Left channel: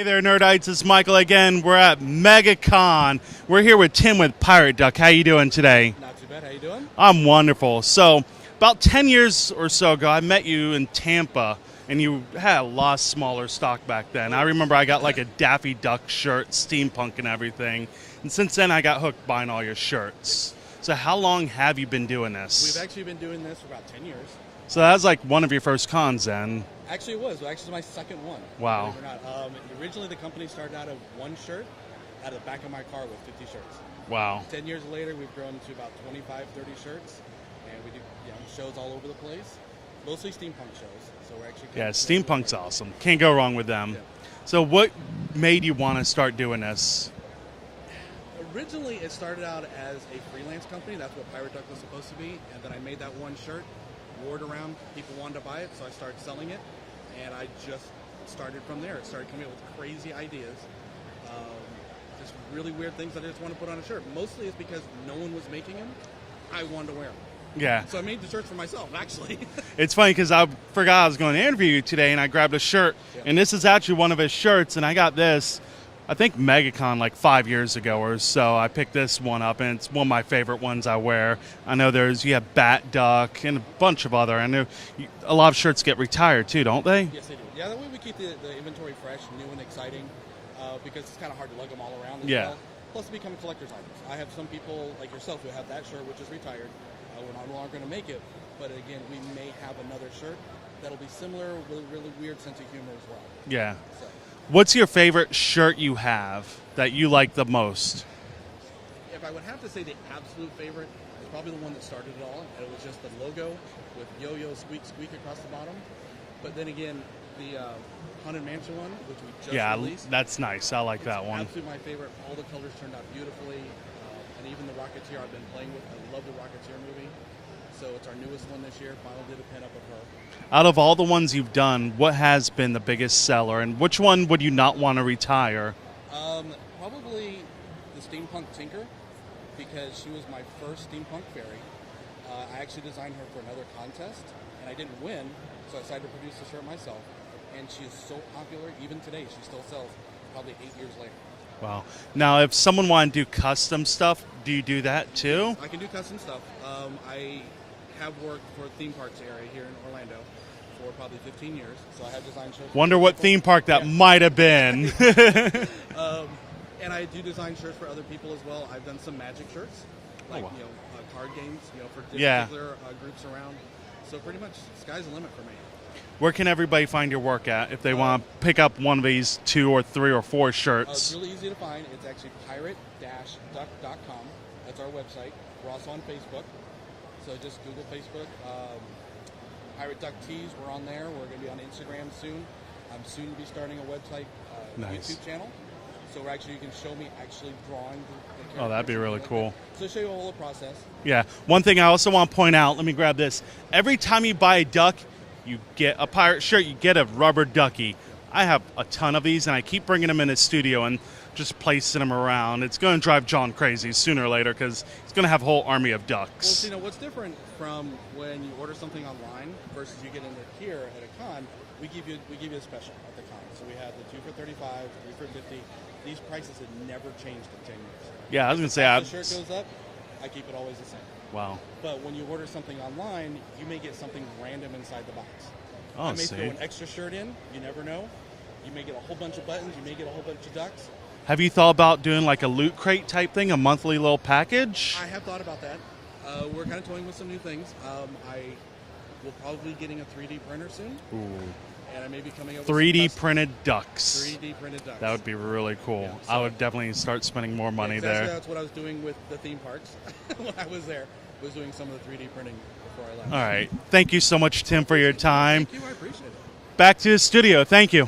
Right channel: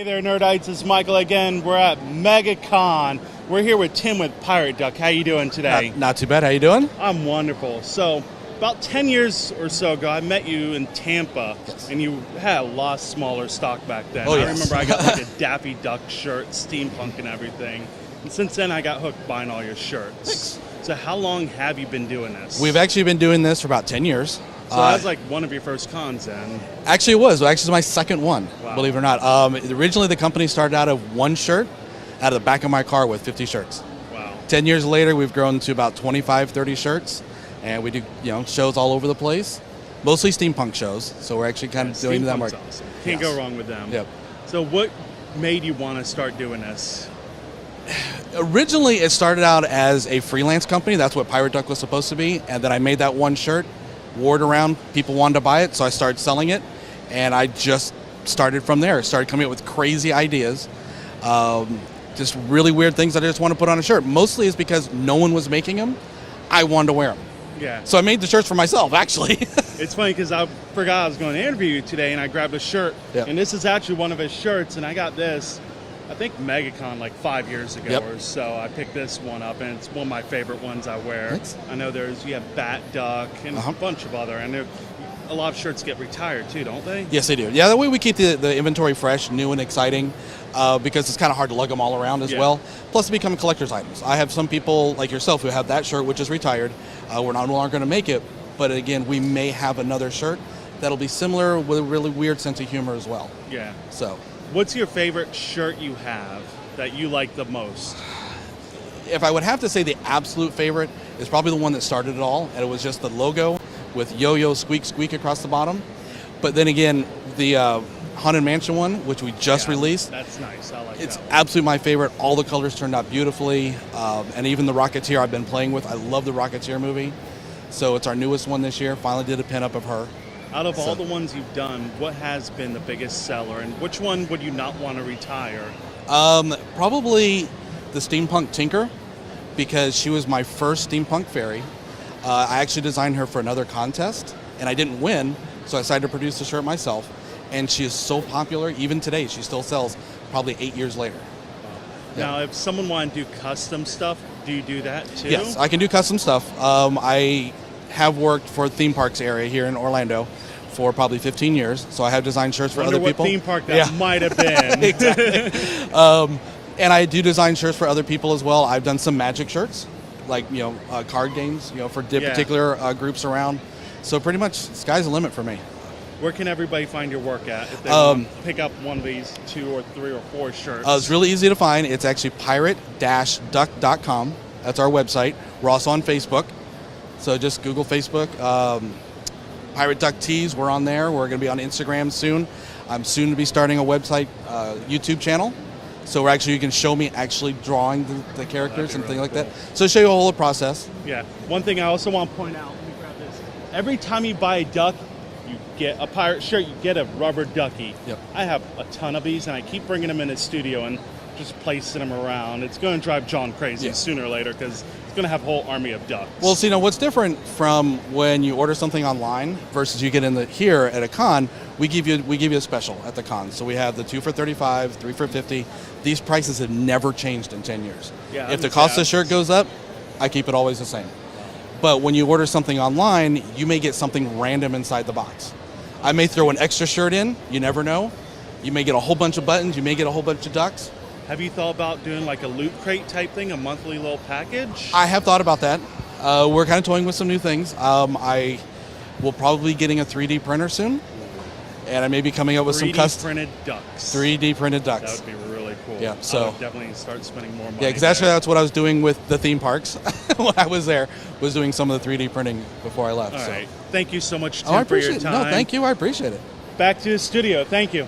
Hey there, Nerdites. It's Michael again. We're at Megacon. We're here with Tim with Pirate Duck. How you doing today? Not too bad. How you doing? I'm wonderful. So, about 10 years or so ago, I met you in Tampa, and you had a lot smaller stock back then. Oh, I yes. remember I got like a Daffy Duck shirt, steampunk and everything. And since then, I got hooked buying all your shirts. So how long have you been doing this? We've actually been doing this for about 10 years. So that was like one of your first cons then. Actually, it was. Actually, it was my second one, Wow. believe it or not. Originally, the company started out of one shirt out of the back of my car with 50 shirts. Wow. 10 years later, we've grown to about 25, 30 shirts. And we do shows all over the place, mostly steampunk shows. So we're actually kind of doing them. Steampunk's awesome. Can't go wrong with them. Yep. So what made you want to start doing this? Originally, it started out as a freelance company. That's what Pirate Duck was supposed to be. And then I made that one shirt, wore it around. People wanted to buy it, so I started selling it. And I just started from there. Started coming up with crazy ideas. Just really weird things that I just want to put on a shirt. Mostly is because no one was making them. I wanted to wear them. Yeah. So I made the shirts for myself, actually. It's funny because I forgot I was going to interview you today, and I grabbed a shirt. Yep. And this is actually one of his shirts, and I got this, I think, Megacon like 5 years ago Yep. or so. I picked this one up, and it's one of my favorite ones I wear. Thanks. I know you have Bat Duck and a bunch of other. I know a lot of shirts get retired too, don't they? Yes, they do. Yeah, that way we keep the inventory fresh, new and exciting, because it's kind of hard to lug them all around as well. Plus, they become collector's items. I have some people like yourself who have that shirt, which is retired. We're no longer going to make it, but again, we may have another shirt that'll be similar with a really weird sense of humor as well. Yeah. So, What's your favorite shirt you have that you like the most? if I would have to say the absolute favorite is probably the one that started it all, and it was just the logo with yo-yo squeak squeak across the bottom. But then again, the Haunted Mansion one, which we just released, That's nice. I like it's that one. absolutely my favorite. All the colors turned out beautifully, and even the Rocketeer I've been playing with. I love the Rocketeer movie, so it's our newest one this year. Finally did a pinup of her. Out of all the ones you've done, what has been the biggest seller, and which one would you not want to retire? Probably the Steampunk Tinker, because she was my first steampunk fairy. I actually designed her for another contest, and I didn't win, so I decided to produce the shirt myself. And she is so popular, even today, she still sells probably 8 years later. Wow. Now, if someone wanted to do custom stuff, do you do that too? Yes, I can do custom stuff. I have worked for the theme parks area here in Orlando for probably 15 years, so I have designed shirts for Wonder other what people. theme park that might have been. Exactly. And I do design shirts for other people as well. I've done some Magic shirts, like card games, for particular groups around. So pretty much, sky's the limit for me. Where can everybody find your work at if they want to pick up one of these 2 or 3 or 4 shirts? It's really easy to find. It's actually pirate-duck.com. That's our website. We're also on Facebook, so just Google Facebook. Pirate Duck Tees, we're on there. We're going to be on Instagram soon. I'm soon to be starting a website, YouTube channel. So you can show me actually drawing the characters and really things like cool. that. So show you a whole process. Yeah. One thing I also want to point out, let me grab this. Every time you buy a duck, you get a pirate shirt, you get a rubber ducky. Yep. I have a ton of these, and I keep bringing them in the studio and just placing them around. It's going to drive John crazy sooner or later because he's going to have a whole army of ducks. Well, see, what's different from when you order something online versus you get here at a con, we give you a special at the con. So we have the 2 for $35, 3 for $50. These prices have never changed in 10 years. Yeah, if the cost of the shirt goes up, I keep it always the same. Wow. But when you order something online, you may get something random inside the box. I may throw an extra shirt in. You never know. You may get a whole bunch of buttons. You may get a whole bunch of ducks. Have you thought about doing like a loot crate type thing, a monthly little package? I have thought about that. We're kind of toying with some new things. I will probably be getting a 3D printer soon. And I may be coming up with some 3D printed ducks. 3D printed ducks. That would be really cool. Yeah, I so would definitely start spending more money. Yeah, because that's what I was doing with the theme parks when I was there, was doing some of the 3D printing before I left. All right. Thank you so much, Tim, for your No, time. thank you. I appreciate it. Back to the studio. Thank you.